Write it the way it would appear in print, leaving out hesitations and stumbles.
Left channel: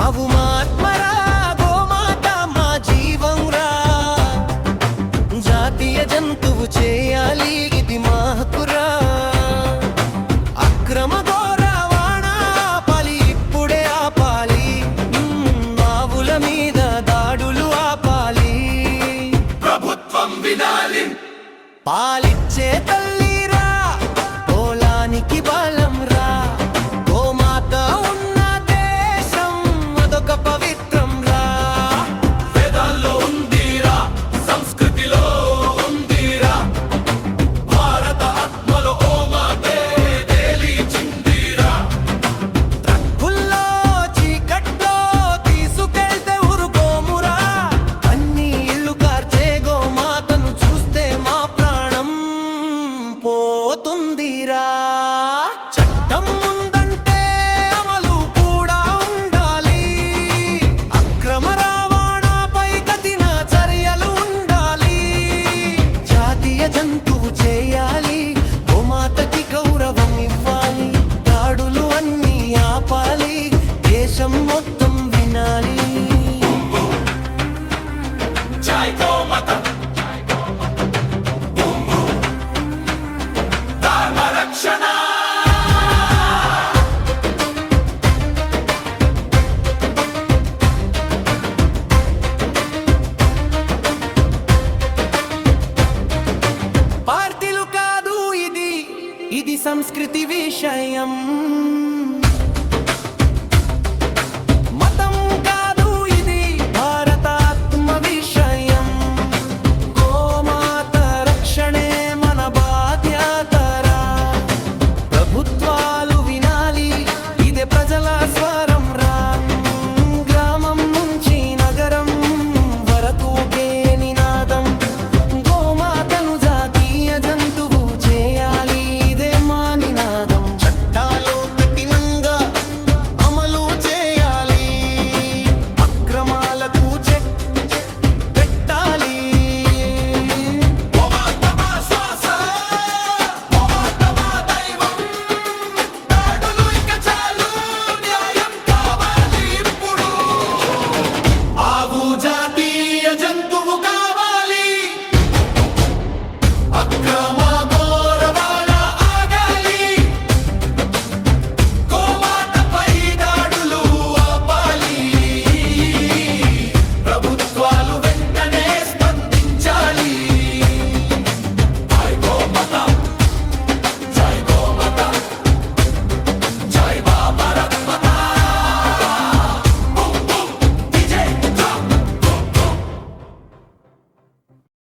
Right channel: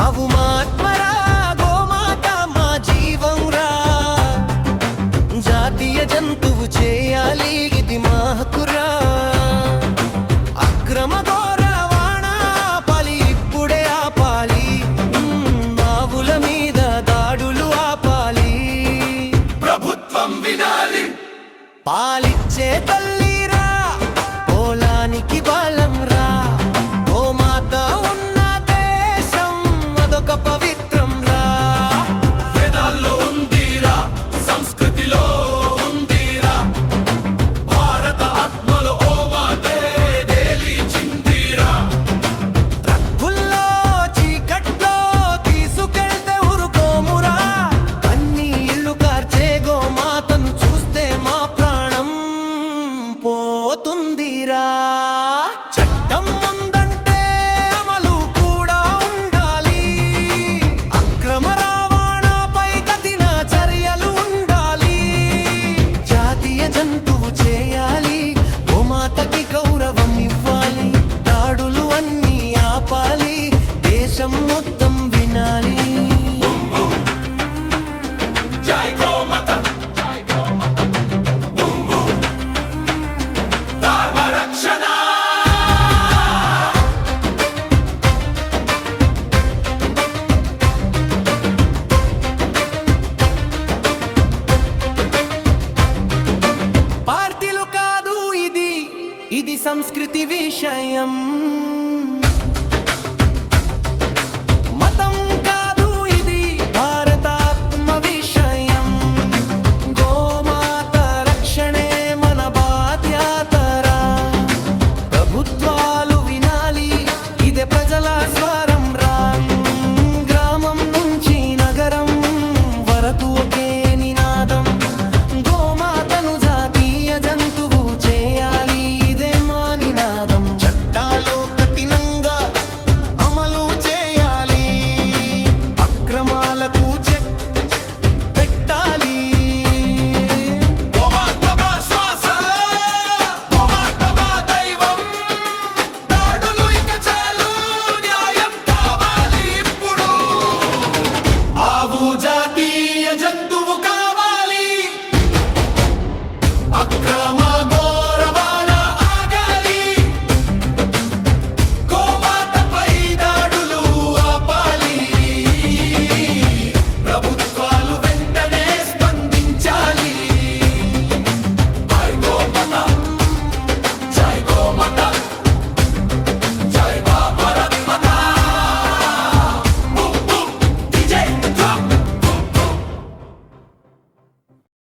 ఆవు మాత్మరా గోమాత మా జీవం రా, జాతీయ జంతువు చేయాలి ఇది మా హక్కురా. అక్రమ రవాణా ఆపాలి, ఇప్పుడే ఆపాలి. ఆవుల మీద దాడులు ఆపాలి, ప్రభుత్వం వినాలి. పాలిచ్చే తల్లిరా, పొలానికి బలం రా. గోమాత ఉన్న దేశం అదొక పవిత్రం రా. వేదాల్లో ఉందిరా, సంస్కృతిలో ఉందిరా, భారత ఆత్మలో ఓ మాతే తేలిచిందిరా. ట్రక్కుల్లో చీకట్లో తీసుకెళ్తే ఊరుకోమురా, అన్ని ఇల్లు కార్చే గోమాతను చూస్తే మా ప్రాణం పోతుందిరా. చట్టం ఉందంటే అమలు కూడా ఉండాలి, అక్రమ రవాణాపై కఠిన చర్యలు ఉండాలి. జాతీయ జంతువు చేయాలి, గోమాతకి గౌరవం ఇవ్వాలి. దాడులు అన్నీ ఆపాలి, దేశం మొత్తం వినాలి. జై గోమాత, ధర్మ రక్షణ. పార్టీలు కాదు ఇది, ఇది సంస్కృతి విషయం. మతం కాదు ఇది, భారతాత్మ విషయం. గోమాత రక్షణే మన బాధ్యతరా, ప్రభుత్వాలు వినాలి, ఇదే ప్రజల స్వరం రా. గ్రామం నుంచి నగరం వరకు ఒకే నినాదం, గోమాతను జాతీయ జంతువు